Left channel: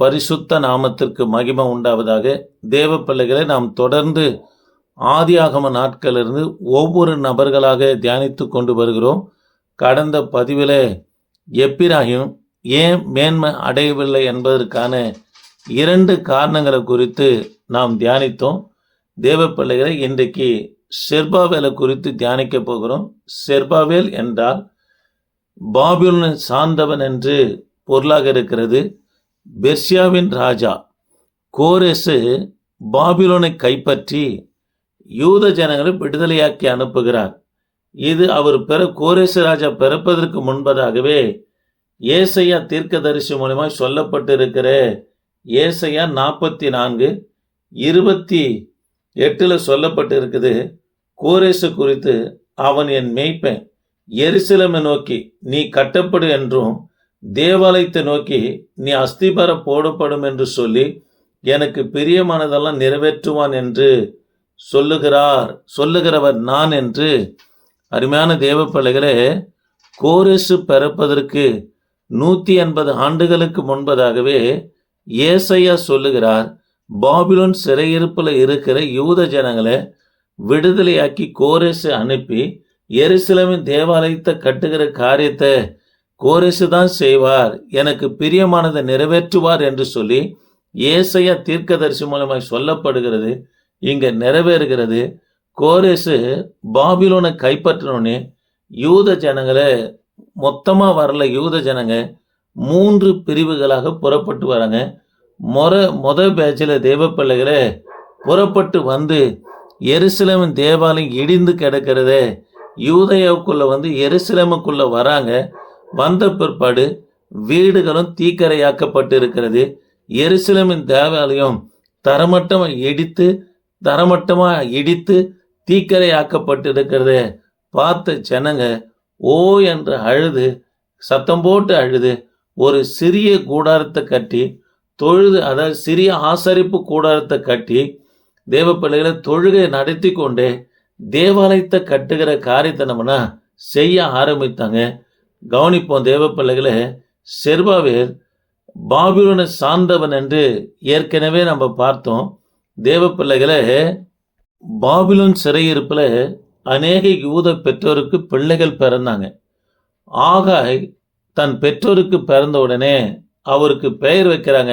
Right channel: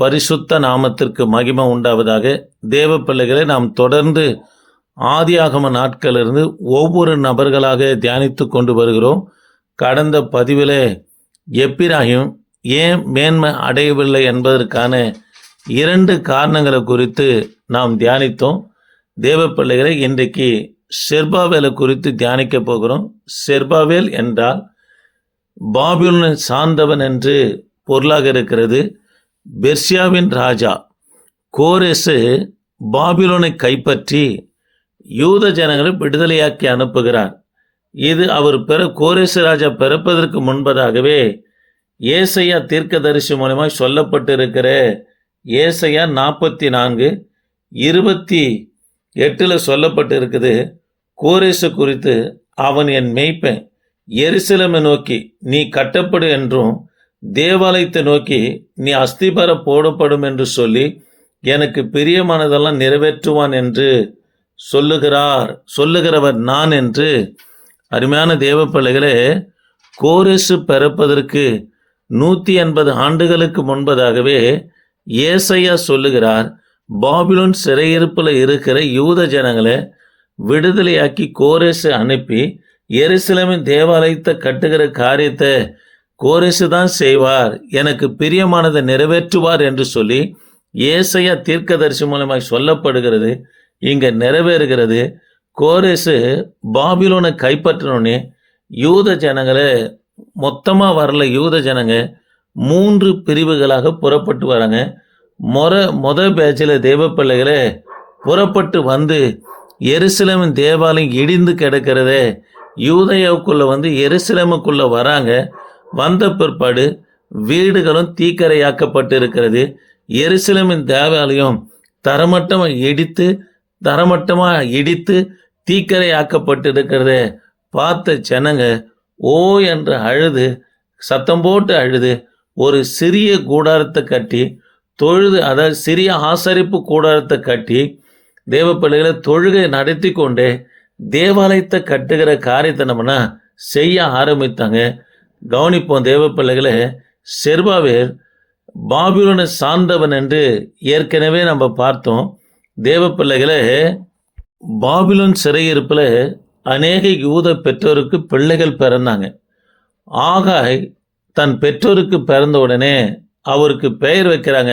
பரிசுத்த நாமத்திற்கு மகிமை உண்டாவதாக. தேவ பிள்ளைகளை நாம் தொடர்ந்து ஆதியாகம நாட்களிலிருந்து ஒவ்வொரு நபர்களாக தியானித்து கொண்டு வருகிறோம். கடந்த பதிவில் எப்பிராயிம் ஏன் மேன்மை அடையவில்லை என்பதற்கான 2 காரணங்களை குறித்து நாம் தியானித்தோம். தேவ பிள்ளைகளை இன்றைக்கு செர்பாவேலை குறித்து தியானிக்க போகிறோம். செர்பாவேல் என்றால் பாபிலோனை சார்ந்தவன் என்று பொருளாக இருக்கிறது. பெர்சியாவின் ராஜா கோரேசு பாபிலோனை கைப்பற்றி யூத ஜனங்களை விடுதலையாக்கி அனுப்புகிறார். இது அவர் கோரேசு ராஜா பிறப்பதற்கு முன்பதாகவே ஏசையா தீர்க்கதரிசி மூலமாய் சொல்லப்பட்டிருக்கிற ஏசையா 44:28 சொல்லப்பட்டிருக்குது. கோரேசு குறித்து, அவன் என் மேய்ப்பன், எருசலேமை நோக்கி நீ கட்டப்படு என்றும் தேவாலயத்தை நோக்கி நீ அஸ்திபார போடப்படும் என்று சொல்லி எனக்கு பிரியமானதெல்லாம் நிறைவேற்றுவான் என்று சொல்லுகிறவர் நான் என்று. அருமையான தேவ பிள்ளைகளே, கோரேசு பிறப்பதற்கு 180 ஆண்டுகளுக்கு முன்பதாகவே ஏசையா சொல்லுகிறார், பாபிலோன் சிறையிருப்பில் இருக்கிற யூத ஜனங்களை விடுதலையாக்கி கோரேசு அனுப்பி எருசலேமின் தேவாலயத்தை கட்டுகிற காரியத்தை கோரேசு தான் செய்வார், எனக்கு பிரியமானதை நிறைவேற்றுவார் என்று சொல்லி ஏசையா தீர்க்கதரிசி மூலமாய் சொல்லப்படுகிறது. இங்க நிறைவேறுகிறது. கோரேசு பாபிலோனை கைப்பற்றினோடனே யூத ஜனங்களை மொத்தமாக வரல. யூத ஜனங்க 3 பிரிவுகளாக புறப்பட்டு வராங்க. மொதல் பேச்சில் தேவ பிள்ளைகளை புறப்பட்டு வந்து எருசலேமின் தேவாலயம் இடிந்து கிடக்கிறத யூதயாவுக்குள்ள வந்து எருசலேமுக்குள்ள வராங்க. வந்த பிற்பாடு வீடுகளும் தீக்கரையாக்கப்பட்டு இருக்கிறது. எருசலேமின் தேவாலயம் தரமட்டமாக இடித்து தீக்கரையாக்கப்பட்டு இருக்கிறத பார்த்த ஜனங்க ஓ என்று அழுது, சத்தம் போட்டு அழுது, ஒரு சிறிய கூடாரத்தை கட்டி தொழுது, அதாவது சிறிய ஆசரிப்பு கூடாரத்தை கட்டி தேவ பிள்ளைகளை தொழுகை நடத்தி கொண்டே தேவாலயத்தை கட்டுகிற காரியத்தை நம்மனா செய்ய ஆரம்பித்தாங்க. கவனிப்போம் தேவ பிள்ளைகளை, செர்பாவேல் பாபிலோனை சார்ந்தவன் என்று ஏற்கனவே நம்ம பார்த்தோம். தேவ பிள்ளைகளை, பாபிலோன் சிறையிருப்பில் அநேக யூத பெற்றோருக்கு பிள்ளைகள் பிறந்தாங்க. ஆகாய் தன் பெற்றோருக்கு பிறந்த உடனே அவருக்கு பெயர் வைக்கிறாங்க,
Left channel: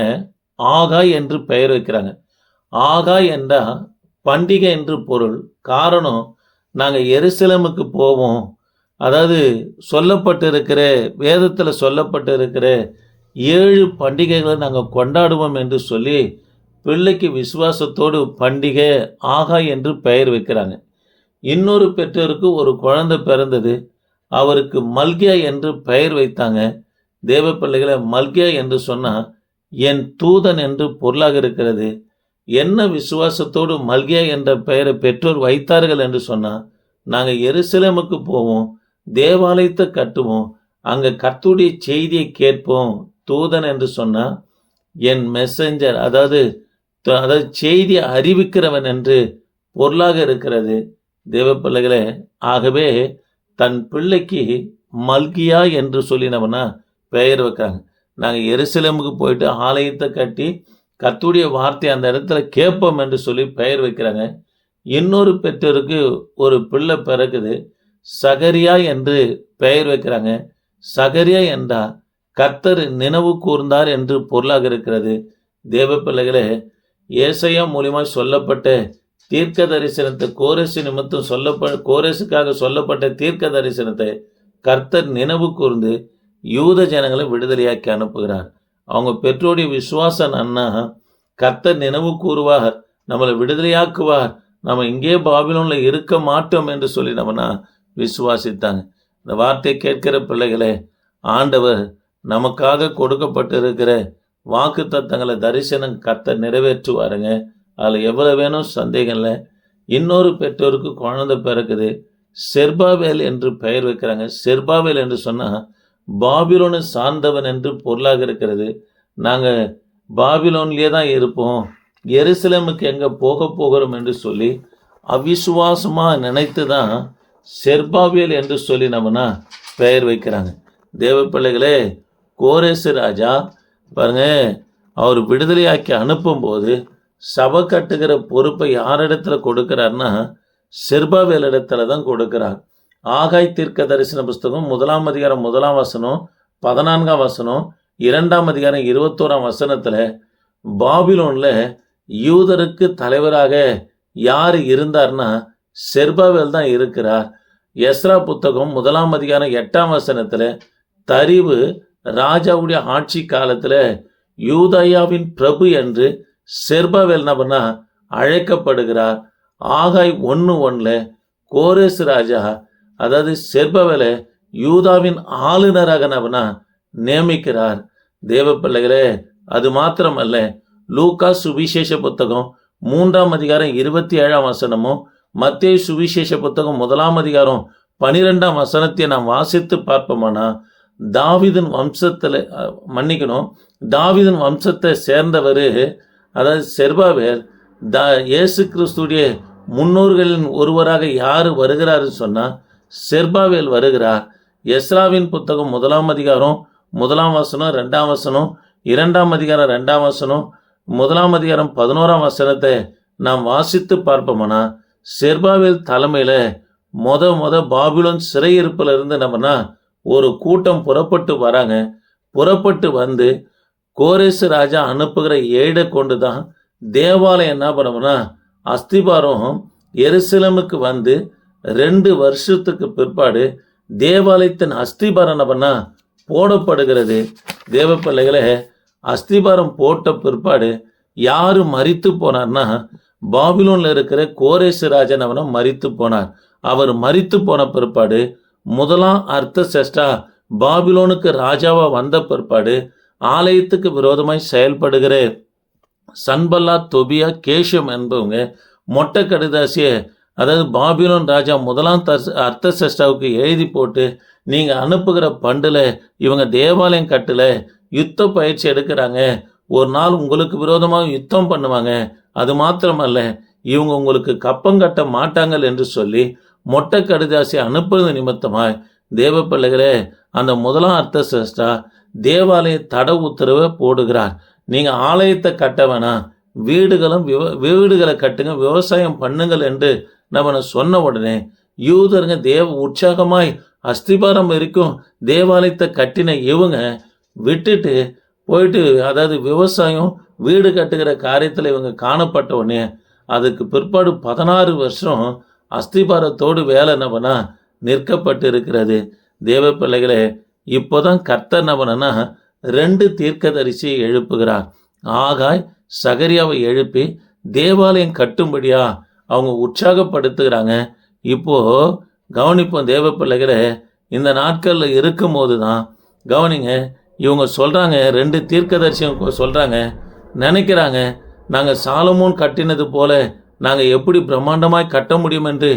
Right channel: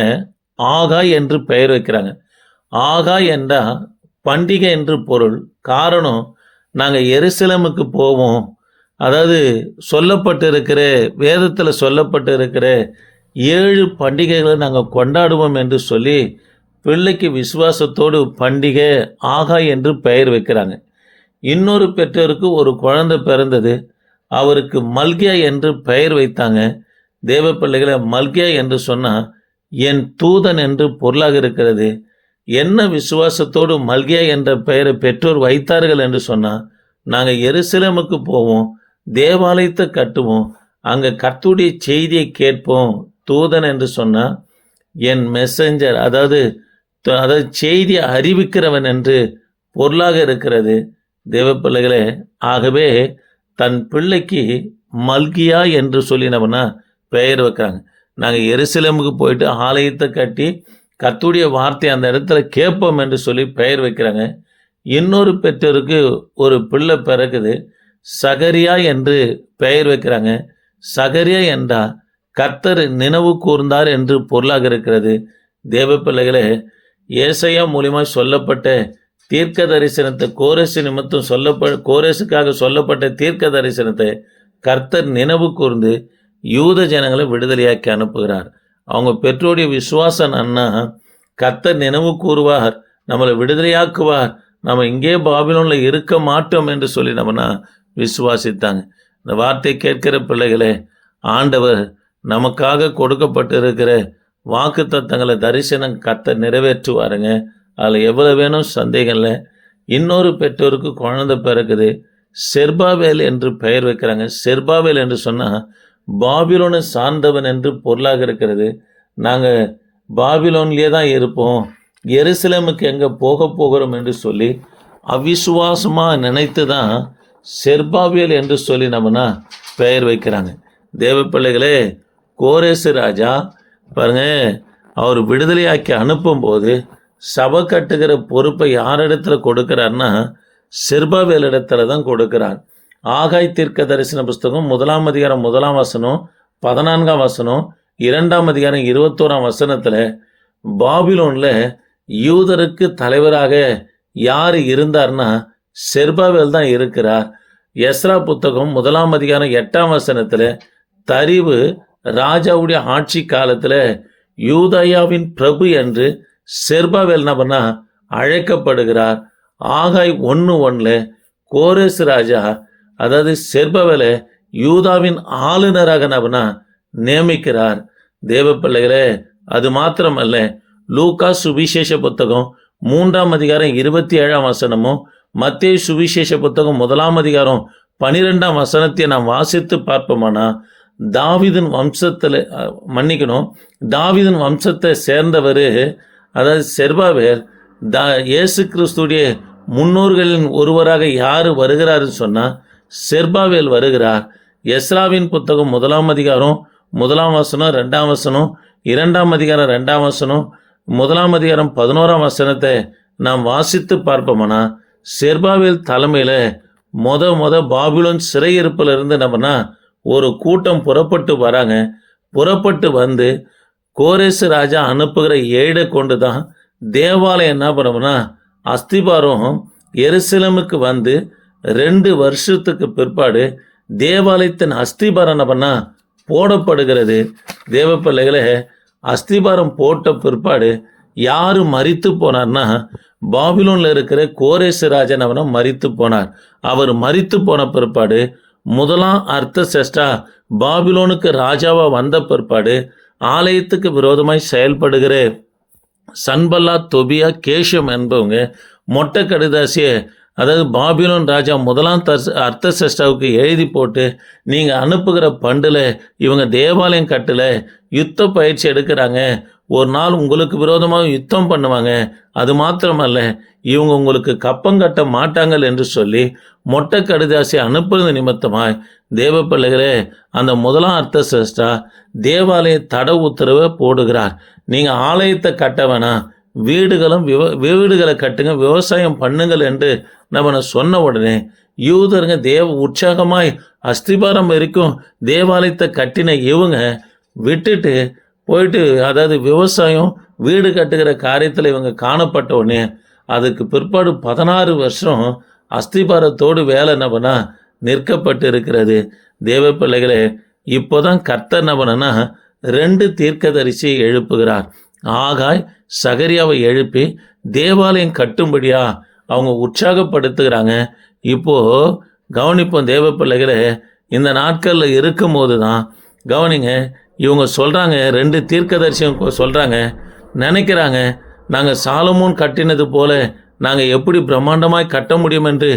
ஆகாய் என்று பெயர் வைக்கிறாங்க. ஆகாய் என்றால் பண்டிகை என்று பொருள். காரணம், நாங்கள் எருசலேமுக்கு போவோம், அதாவது சொல்லப்பட்டிருக்கிற வேதத்தில் சொல்லப்பட்டிருக்கிற 7 பண்டிகைகளை நாங்கள் கொண்டாடுவோம் என்று சொல்லி பிள்ளைக்கு விசுவாசத்தோடு பண்டிகை ஆகாய் என்று பெயர் வைக்கிறாங்க. இன்னொரு பெற்றோருக்கு ஒரு குழந்தை பிறந்தது, அவருக்கு மல்கியா என்று பெயர் வைத்தாங்க. தேவ பிள்ளைகளை, மல்கியா என்று சொன்னால் என் தூதன் என்று பொருளாக இருக்கிறது. என்ன விசுவாசத்தோடு மல்கியா என்ற பெயரை பெற்றோர் வைத்தார்கள் என்று சொன்னால், நாங்கள் எருசலேமுக்கு போவோம், தேவாலயத்தை கட்டுவோம், அங்கே கர்த்தருடைய செய்தியை கேட்போம். தூதன் என்று சொன்னால் என் மெசஞ்சர், அதாவது செய்தியை அறிவிக்கிறவன் என்று பொருளாக இருக்கிறது. தேவ பிள்ளைகளே, ஆகவே தன் பிள்ளைக்கு மல்கியா என்று சொல்லினவனா பெயர் வைக்கிறாங்க. நாங்கள் எருசலேமுக்கு போயிட்டு ஆலயத்தை கட்டி கர்த்தருடைய வார்த்தை அந்த இடத்துல கேட்போம் என்று சொல்லி பெயர் வைக்கிறாங்க. இன்னொரு பெற்றோருக்கு ஒரு பிள்ளை பிறகுது, சகரியா என்று பெயர் வைக்கிறாங்க. சகரியா என்றால் கர்த்தர் நினைவு கூர்ந்தார் என்று பொருளாக இருக்கிறது. தேவ பிள்ளைகளே, ஏசையா மூலியமாக சொல்லப்பட்ட தீர்க்க தரிசனத்தை கோரேசு நிமித்தம் கோரேசுக்காக சொல்லப்பட்ட தீர்க்க தரிசனத்தை கர்த்தர் நினைவு கூர்ந்து யூத ஜனங்களை விடுதலையாக்கி அனுப்புகிறார். அவங்க பெற்றோருடைய விசுவாசம் அண்ணா, கர்த்தர் நினைவு கூறுவார், நம்மளை விடுதலையாக்குவார், நம்ம இங்கே பாபிலோனில் இருக்க மாட்டோம் என்று சொல்லி நம்மனா விசுவாசித்தாங்க. இந்த வார்த்தை கேட்கிற பிள்ளைகளே, ஆண்டவர் நமக்காக கொடுக்கப்பட்டிருக்கிற வாக்கு தத்தங்களை தரிசனம் கர்த்தர் நிறைவேற்றுவாருங்க. அதில் எவ்வளோ வேணும் சந்தேகம் இல்லை. இன்னொரு பெற்றோருக்கு குழந்தை பிறகுது, செர்பாவேல் என்று பெயர் வைக்கிறாங்க. செர்பாவேல் என்று சொன்னால் பாபிலோனை சார்ந்தவன் என்று பொருளாக இருக்கிறது. நாங்கள் பாபிலோன்லேயே தான் இருப்போம், எருசலேமுக்கு எங்கே போகிறோம் என்று சொல்லி அவிசுவாசமாக நினைத்து தான் செர்பாவேல் என்று சொல்லி நம்மனா பெயர் வைக்கிறாங்க. தேவ பிள்ளைகளே, கோரேசு ராஜா பாருங்க, அவர் விடுதலையாக்கி அனுப்பும்போது சபை கட்டுகிற பொறுப்பை யாரிடத்துல கொடுக்கிறார்னா செருபாவேலிடத்துல தான் கொடுக்கிறார். ஆகாய் தீர்க்க தரிசன புஸ்தகம் 1 அதிகாரம் 1 வசனம் 14 வசனம் 2 அதிகாரம் 21 வசனத்துல பாபிலோன்ல யூதருக்கு தலைவராக யார் இருந்தார்னா செருபாவேல் தான் இருக்கிறார். எஸ்ரா புத்தகம் 1 அதிகாரம் 8 வசனத்துல தரிவு ராஜாவுடைய ஆட்சி காலத்துல யூதயாவின் பிரபு என்று செருபாவேல் நபனா அழைக்கப்படுகிறார். ஆகாய் 1:1 கோரேஸ் ராஜா அதாவது செருபாவேலை யூதாவின் ஆளுநராக நபனா நியமிக்கிறார். தேவ பிள்ளைகளே, அது மாத்திரமல்ல, லூக்கா சுவிசேஷ புத்தகம் 3 அதிகாரம் 27 வசனமும் மத்தேயு சுவிசேஷ புத்தகம் 1 அதிகாரம் 12 வசனத்தை நாம் வாசித்து பார்ப்போம்னா தாவீதின் வம்சத்தை சேர்ந்தவர் அதாவது செருபாவேல் இயேசு கிறிஸ்துடைய முன்னோர்களின் ஒருவராக யார் வருகிறாருன்னு சொன்னா செருபாவேல் வருகிறார். எஸ்ராவின் புத்தகம் 1 அதிகாரம் 1 வசனம் 2 வசனம் 2 அதிகாரம் 2 வசனம் 1 அதிகாரம் 11 வசனத்தை நாம் வாசித்து பார்ப்போம்னா செருபாவேல் தலைமையில மொத பாபிலோன் சிறையிருப்பில் இருந்து நம்மனா ஒரு கூட்டம் புறப்பட்டு வராங்க. புறப்பட்டு வந்து கோரேசு ராஜா அனுப்புகிற ஏடை கொண்டு தான் தேவாலயம் என்ன பண்ணோம்னா அஸ்திபாரம் எருசலேமுக்கு வந்து 2 வருஷத்துக்கு பிற்பாடு தேவாலயத்தின் அஸ்திபாரம் என்ன பண்ணா போடப்படுகிறது. தேவ பிள்ளைகளை, அஸ்திபாரம் போட்ட பிற்பாடு யாரு மரித்து போனார்னா பாபிலோன்ல இருக்கிற கோரேசு ராஜன் அவனை மரித்து போனார். அவர் மரித்து போன பிற்பாடு 1 அர்த்தசஷ்டா பாபிலோனுக்கு ராஜாவா வந்த பிற்பாடு ஆலயத்துக்கு விரோதமாய் செயல்படுகிற சன்பல்லா தொபியா கேஷம் என்பவங்க மொட்டை கடிதாசிய அதாவது பாபிலோன் ராஜா 1 அர்த்தசஷ்டாவுக்கு எழுதி போட்டு நீங்க அனுப்புகிற பண்டுல இவங்க தேவாலயம் கட்டல யுத்த பயிற்சி எடுக்கிறாங்க, ஒரு நாள் உங்களுக்கு விரோதமாக யுத்தம் பண்ணுவாங்க, அது மாத்திரமல்ல இவங்க உங்களுக்கு கப்பம் கட்ட மாட்டாங்கள் என்று சொல்லி மொட்டை கடிதாசி அனுப்புறது நிமித்தமாய் தேவ பிள்ளைகளே அந்த 1 அர்த்தசஷ்டா தேவாலய தட உத்தரவை போடுகிறார். நீங்க ஆலயத்தை கட்ட வேணாம், வீடுகளை கட்டுங்க, விவசாயம் பண்ணுங்கள் என்று நம்ம சொன்ன உடனே யூதருங்க உற்சாகமாய் அஸ்திபாரம் வரைக்கும் தேவாலயத்தை கட்டின இவங்க விட்டுட்டு போயிட்டு அதாவது விவசாயம் வீடு கட்டுகிற காரியத்தில் இவங்க காணப்பட்ட உடனே அதுக்கு பிற்பாடு 16 வருஷம் அஸ்திபாரத்தோடு வேலை நபனா நிற்கப்பட்டு இருக்கிறது. தேவ பிள்ளைகளே, இப்போதான் கர்த்தர் நபனா 2 தீர்க்கதரிசியை எழுப்புகிறார். ஆகாய் சகரியாவை எழுப்பி தேவாலயம் கட்டும்படியா அவங்க உற்சாகப்படுத்துகிறாங்க. இப்போ கவனிப்போம் தேவ பிள்ளைகளே, இந்த நாட்கள்ல இருக்கும் போது தான் கவனிங்க, இவங்க சொல்றாங்க, 2 தீர்க்கதரிசியும் சொல்றாங்க, நினைக்கிறாங்க நாங்கள் சாலமோன் கட்டினது போல நாங்கள் எப்படி பிரம்மாண்டமாய் கட்ட முடியும் என்று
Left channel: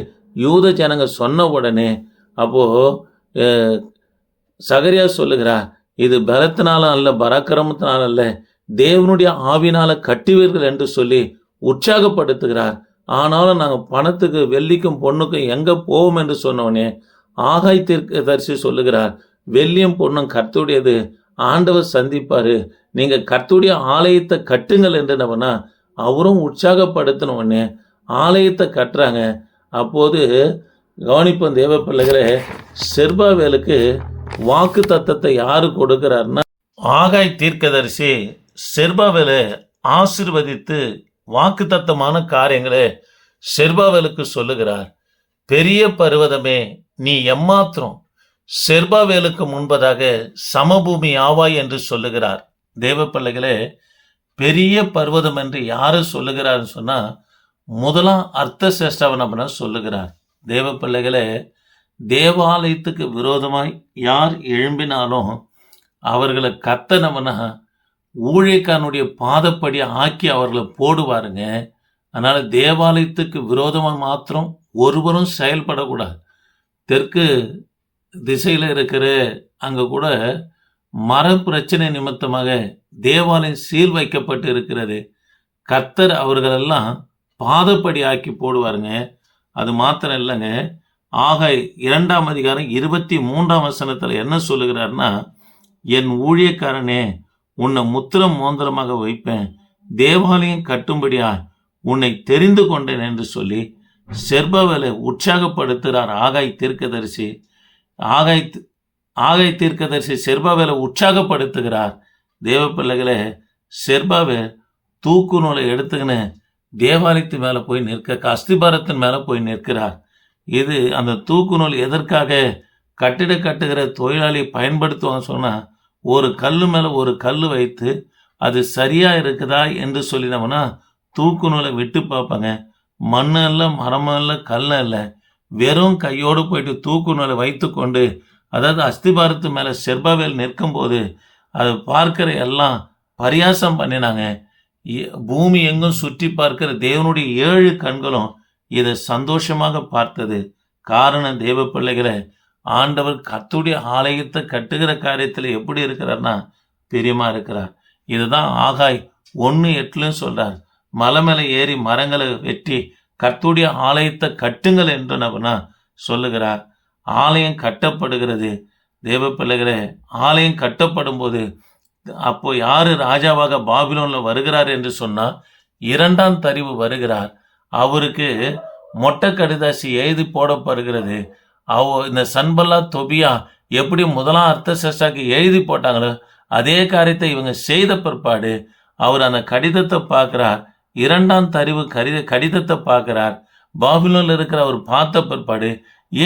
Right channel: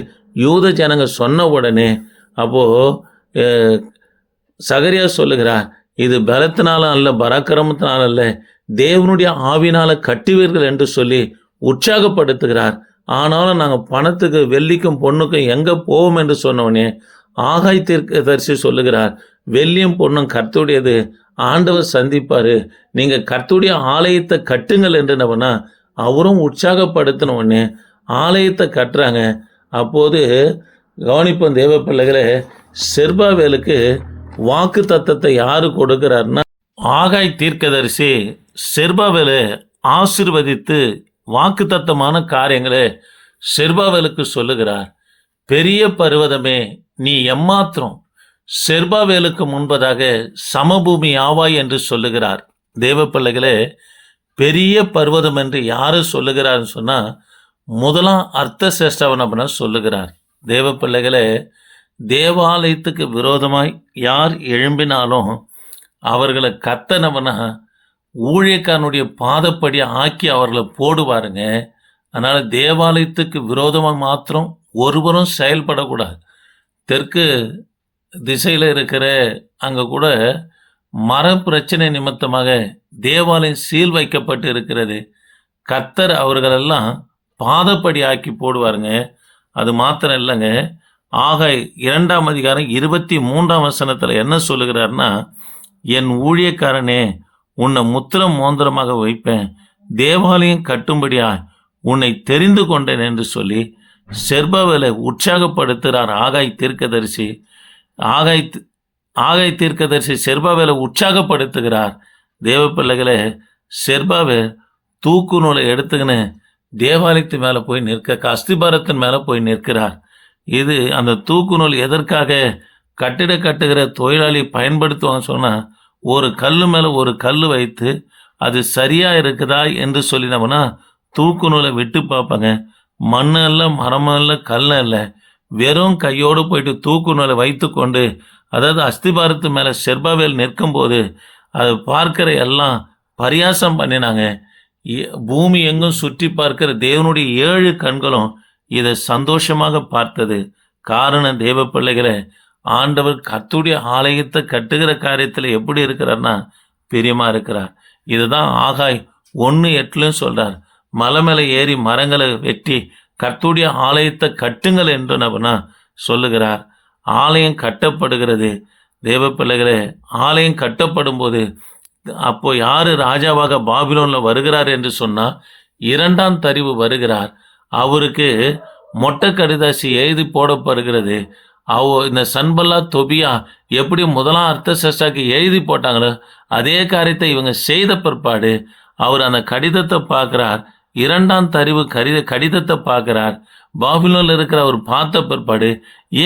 யூத ஜனங்க சொன்ன உடனே அப்போ சகரியா சொல்லுகிறார், இது பலத்தினாலும் அல்ல பராக்கிரமத்தினாலும் அல்ல தேவனுடைய ஆவினால கட்டுவீர்கள் என்று சொல்லி உற்சாகப்படுத்துகிறார். ஆனாலும் நாங்கள் பணத்துக்கு வெள்ளிக்கும் பொண்ணுக்கும் எங்க போவோம் என்று சொன்னோடனே ஆகாய் தீர்க்கதரிசி சொல்லுகிறார், வெள்ளியும் பொண்ணும் கர்த்தருடையது, ஆண்டவர் சந்திப்பாரு, நீங்க கர்த்தருடைய ஆலயத்தை கட்டுங்கள் என்று நவனா அவரும் உற்சாகப்படுத்தின உடனே ஆலயத்தை கட்டுறாங்க. அப்போது கவனிப்போம் தேவ பிள்ளைகளே, செருபாவேலுக்கு வாக்கு தத்தத்தை யாரு கொடுக்கிறார்னா ஆகாய் தீர்க்கதரிசி செருபாவேலை ஆசீர்வதித்து வாக்கு தத்தமான காரியங்களை செருபாவேலுக்கு சொல்லுகிறார். பெரிய பர்வதமே நீ எம்மாத்திரம் செருபாவேலுக்கு முன்பதாக சமபூமி ஆவாய் என்று சொல்லுகிறார். தேவ பிள்ளைகளே, பெரிய பர்வதம் என்று யாரு சொல்லுகிறார் சொன்னா 1 அர்த்தசஷ்டாவன் அப்படின்னா சொல்லுகிறார். தேவ பிள்ளைகளே, தேவாலயத்துக்கு விரோதமாய் யார் எழும்பினாலும் அவர்களை கத்தனவனா ஊழியக்காரனுடைய பாதப்படி ஆக்கி அவர்களை போடுவாருங்க. அதனால தேவாலயத்துக்கு விரோதமாக மாத்திரம் ஒருவரும் செயல்படக்கூடாது. தெற்கு திசையில் இருக்கிற அங்கே கூட மர பிரச்சனை நிமித்தமாக தேவாலயம் சீல் வைக்கப்பட்டு இருக்கிறது. கர்த்தர் அவர்களெல்லாம் பாதப்படி ஆக்கி போடுவாருங்க. அது மாத்திரம் இல்லைங்க, ஆகாய் 2 அதிகாரம் 23 வசனத்தில் என்ன சொல்லுகிறார்னா, என் ஊழியக்காரனே உன்னை முத்திரம் மோந்திரமாக வைப்பேன், தேவாலயம் கட்டும்படியா உன்னை தெரிந்து கொண்டேன் என்று சொல்லி செர்பாவேலை உற்சாகப்படுத்துகிறார் ஆகாய் தீர்க்கதரிசி செர்பாவேலை உற்சாகப்படுத்துகிறார். தேவ பிள்ளைகளே, செர்பாவேல் தூக்கு நூலை எடுத்துக்கின்னு தேவாலயத்து மேலே போய் அஸ்திபாரத்தின் மேலே போய் நிற்கிறார். இது அந்த தூக்கு நூல் எதற்காக கட்டிட கட்டுகிற தொழிலாளி பயன்படுத்துவாங்க சொன்னால், ஒரு கல் மேலே ஒரு கல் வைத்து அது சரியாக இருக்குதா என்று சொல்லினோம்னா தூக்கு நூலை விட்டு பார்ப்பாங்க. மண்ணு இல்லை, மரமும் இல்லை, கல் இல்லை, வெறும் கையோடு போயிட்டு தூக்கு நூலை வைத்து கொண்டு, அதாவது அஸ்திபாரத்து மேலே செர்பாவேல் நிற்கும்போது அதை பார்க்கிற எல்லாம் பரியாசம் பண்ணினாங்க. பூமி எங்கும் சுற்றி பார்க்கிற தேவனுடைய 7 கண்களும் இதை சந்தோஷமாக பார்த்தது. காரணம், தேவ பிள்ளைகளை, ஆண்டவர் கர்த்தருடைய ஆலயத்தை கட்டுகிற காரியத்தில் எப்படி இருக்கிறார்னா பிரியமா இருக்கிறார். இதுதான் ஆகாய் 1:8 சொல்றார். மலை மேலே ஏறி மரங்களை வெட்டி கர்த்தருடைய ஆலயத்தை கட்டுங்கள் என்று நபனா சொல்லுகிறார். ஆலயம் கட்டப்படுகிறது. தேவ பிள்ளைகளே, ஆலயம் கட்டப்படும் போது அப்போ யாரு ராஜாவாக பாபிலோன்ல வருகிறார் என்று சொன்னா 2ஆம் தரிவு வருகிறார். அவருக்கு மொட்டை கடிதாசி எழுதி போடப்படுகிறது. இந்த சன்பல்லா தொபியா எப்படி 1ஆம் அர்த்தசஷ்டாக்கு எழுதி போட்டாங்களோ அதே காரியத்தை இவங்க செய்த பிற்பாடு அவர் அந்த கடிதத்தை பார்க்கிறார். 2ஆம் தரிவு கடிதத்தை பார்க்கிறார். பாபிலோன்ல இருக்கிற அவர் பார்த்த பிற்பாடு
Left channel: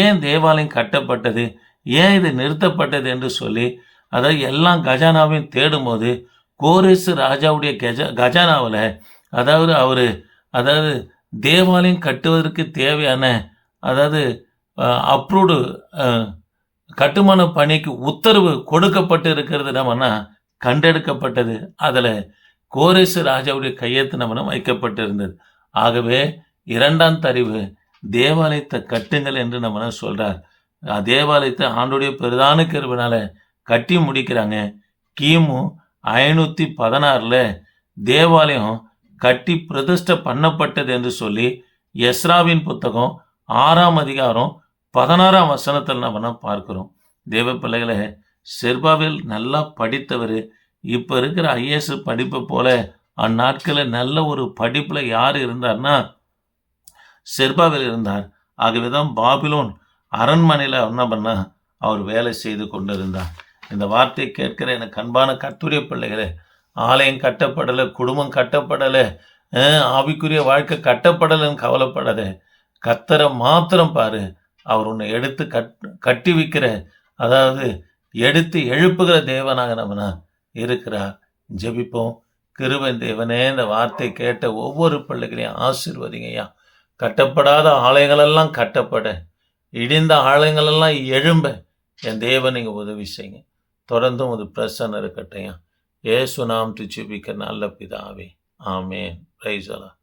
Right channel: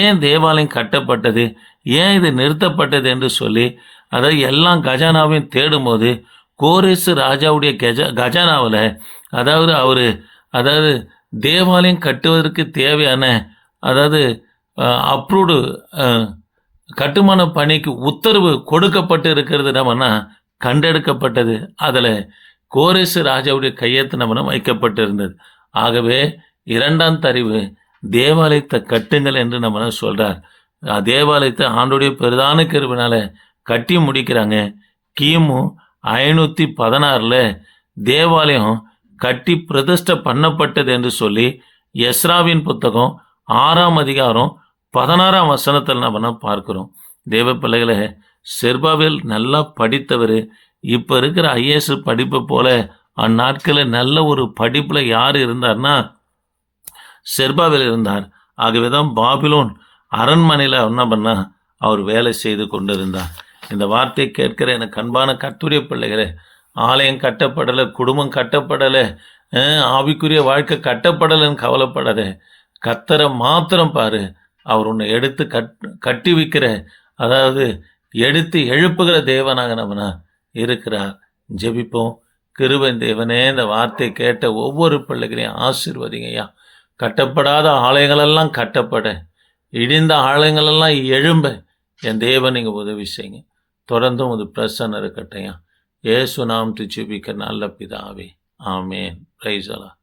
ஏன் தேவாலயம் கட்டப்பட்டது, ஏன் இது நிறுத்தப்பட்டது என்று சொல்லி அதாவது எல்லாம் கஜானாவையும் தேடும்போது கோரேசு ராஜாவுடைய கஜானாவில் அதாவது தேவாலயம் கட்டுவதற்கு தேவையான அப்ரூவ்டு கட்டுமான பணிக்கு உத்தரவு கொடுக்கப்பட்டு இருக்கிறது நம்மனா கண்டெடுக்கப்பட்டது. அதில் கோரேசு ராஜாவுடைய கையெழுத்து நம்ம வைக்கப்பட்டிருந்தது. ஆகவே 2ஆம் தரிவு தேவாலயத்தை கட்டுங்கள் என்று நம்ம சொல்கிறார். தேவாலயத்தை ஆண்டோடைய பெரிதான கிருபையினால கட்டி முடிக்கிறாங்க. கிமு 516 தேவாலயம் கட்டி பிரதிஷ்டை பண்ணப்பட்டது என்று சொல்லி எஸ்ராவின் புத்தகம் 6ஆம் அதிகாரம் 16ஆம் வசனத்தில் நம்ம பார்க்கிறோம். தேவ பிள்ளைகளை, செர்பாவேல் நல்லா படித்தவர். இப்போ இருக்கிற ஐஏஎஸ் படிப்பை போல அந்நாட்களில் நல்ல ஒரு படிப்பில் யார் இருந்தார்னா செர்பாவேல் இருந்தார். ஆகவே தான் பாபிலோன் அரண்மனையில் என்ன பண்ணா அவர் வேலை செய்து கொண்டிருந்தார். இந்த வார்த்தை கேட்கிற எனக்கு அன்பான கர்த்தருடைய பிள்ளைகளே, ஆலயம் கட்டப்படலை, குடும்பம் கட்டப்படலை, ஆவிக்குரிய வாழ்க்கை கட்டப்படலைன்னு கவலைப்படாத. கர்த்தரை மாத்திரம் பாரு. அவர் உன்னை எடுத்து கட்டி வைக்கிற, அதாவது எடுத்து எழுப்புகிற தேவனாக நம்மனா இருக்கிறார். ஜெபிப்போம். கிருபையின் தேவனே, இந்த வார்த்தை கேட்ட ஒவ்வொரு பிள்ளைகளையும் ஆசீர்வதிங்கய்யா. கட்டப்படாத ஆலயங்களெல்லாம் கட்டப்பட, இடிந்த ஆலயங்களெல்லாம் எழும்ப என் தேவன் நீங்கள் உதவி செய்யுங்க. தொடர்ந்தும் ஒரு பிரசன்னம் இருக்கட்டையா. இயேசு நாமத்தில் ஜெபிக்க நல்ல பிதாவே, ஆமேன். பிரைஸ் அல்லாஹ்.